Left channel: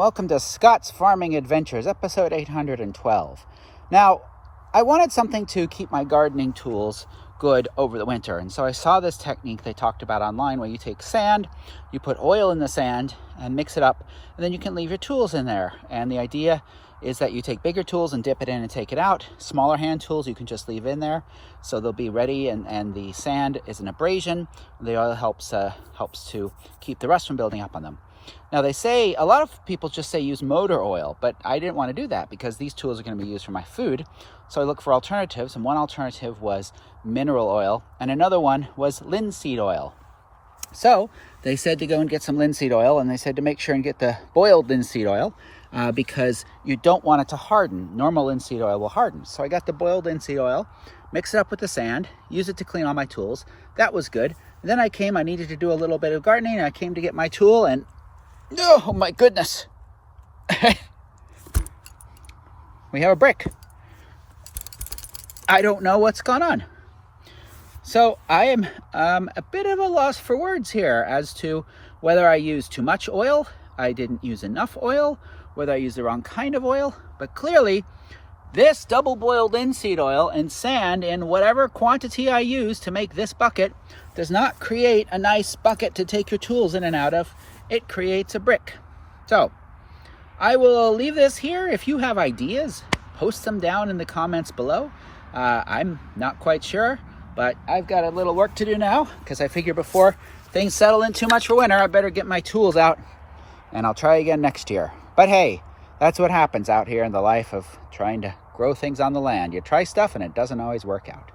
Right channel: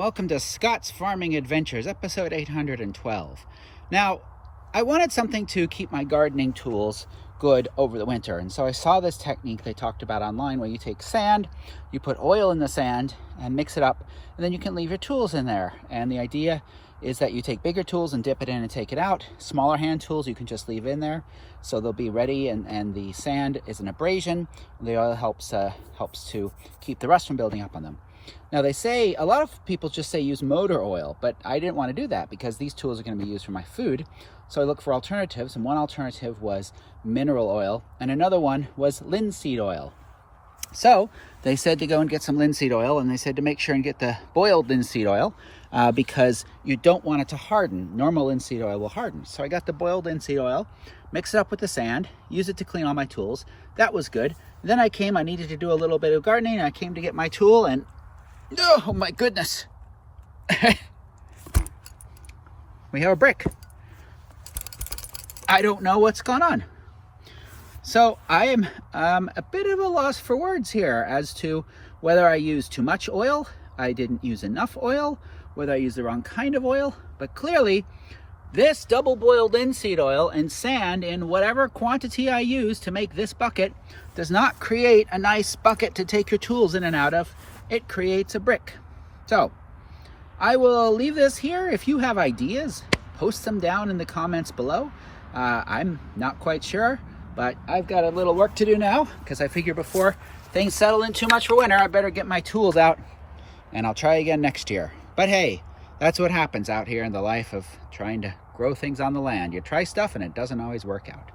Welcome to Scott's Farming Adventures, episode 812. Now, I wanted something to keep my gardening tools good over the winter, and so I saw this technique they talked about online where you take sand, you put oil in the sand and mix it up, and then you can leave your tools in there. And the idea is that you take bigger tools and dip it in and take it out. Smaller hand tools you can just leave in there, so they'll be ready, and the sand is an abrasion. The oil helps to keep the rust from building up on them. Now they say, a lot of people just say use motor oil, but I didn't want to do that because these tools are going to be used for my food. So I looked for alternatives, and one alternative was mineral oil, and another one was linseed oil. So they said to go and get some linseed oil, and they said to make sure and get the boiled linseed oil because you don't want it to harden. Normal linseed oil will harden. So I got the boiled linseed oil, mix it up with the sand, use it to clean all my tools. That was good. Then I needed to do a little bit of gardening, and I came to get my tool, and oh my goodness. We have a brick. I don't know what's gone on. So I am a bit of a loss for words here as to whether I used too much oil, I didn't use enough oil, whether I used the wrong kind of oil. But clearly, this double boiled linseed oil and sand in whatever quantity I use to make this bucket does not create a nice bucket to take your tools in and out of. It creates a brick. So I will leave this here. If you have ideas, post them down in the comments below. I'm not quite sure, but I've got a little work to do now because I figure before things settle in too much for winter, I better get my tools out, and I'll try again next year. But hey, that's what happens out here in the life of trying to grow things on the land. You try stuff and it doesn't always work out.